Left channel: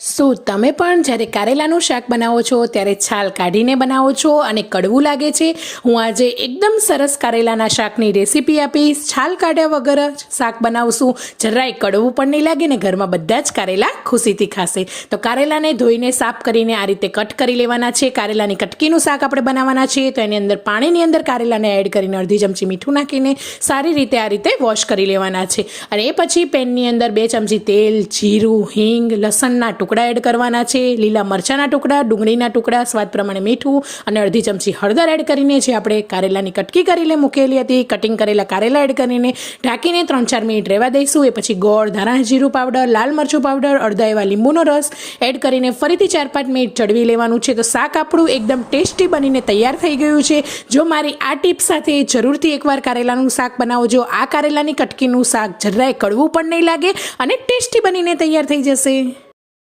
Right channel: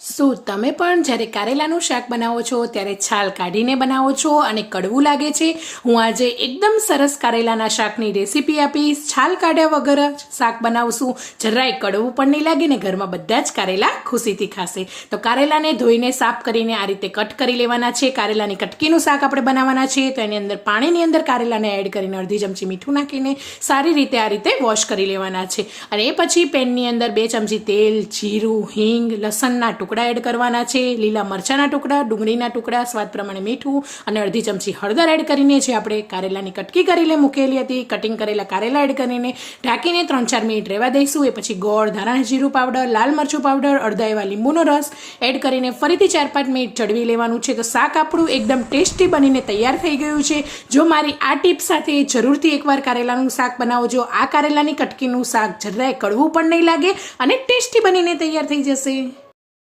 શું તમે પણ જ્યારે કારેલાનું શાક બનાવો છો ત્યારે છાલ કાઢીને બનાવો છો અને કડવું લાગે છે? હું આજે એકદમ સરસ કારેલાના શાકની રેસીપી આપીશ. છાલ કાઢ્યા વગર જ શાક બનાવશું, જરાય કડવું પણ નહીં લાગે ને ઘરમાં બધા જ કારેલા ખુશીથી ખાશે. તો કારેલાને ધોઈને સાફ કરીને આ રીતે કટ કરી લેવાના છે. કારેલાની કટકીનું શાક આપણે બનાવવાના છીએ, તો એની અંદર પાણીની અંદર કારેલાને એડ કરીને અડધી ચમચી મીઠું નાખીને સારી રીતે આ રીતે વોશ કરી લેવાના છે. અને એ પછી પેનની અંદર 2 ચમચી તેલ, જીરું, હિંગ, લસણના ટુકડા એડ કરવાના છે, લીલા મરચાંના ટુકડા, ડુંગળીના ટુકડા, સ્વાદ પ્રમાણે મીઠું અને અડધી ચમચી હળદર એડ કરીને જે આપણે કારેલાની કટકી કરીને મૂકેલી હતી કટિંગ કરેલા કારેલા એડ કરીને ઢાંકીને 3-4 મિનિટ રહેવા દઈશું. એ પછી ગોળ, ધાણા જીરું પાવડર, લાલ મરચું પાવડર, અડધા એવા લીંબુનો રસ એડ કરીને ફરીથી 4-5 મિનિટ ચડવી લેવાનું છે. તો શાક આપણું એકદમ ટેસ્ટી બનીને તૈયાર થઈ ગયું છે. જો મારી આ ટીપ સાથે જરૂરથી એકવાર કારેલાનું શાક બનાવજો. આ કારેલાની કટકીનું શાક જરાય કડવું પણ નહીં લાગે અને ટેસ્ટી બનીને તૈયાર થઈ જશે.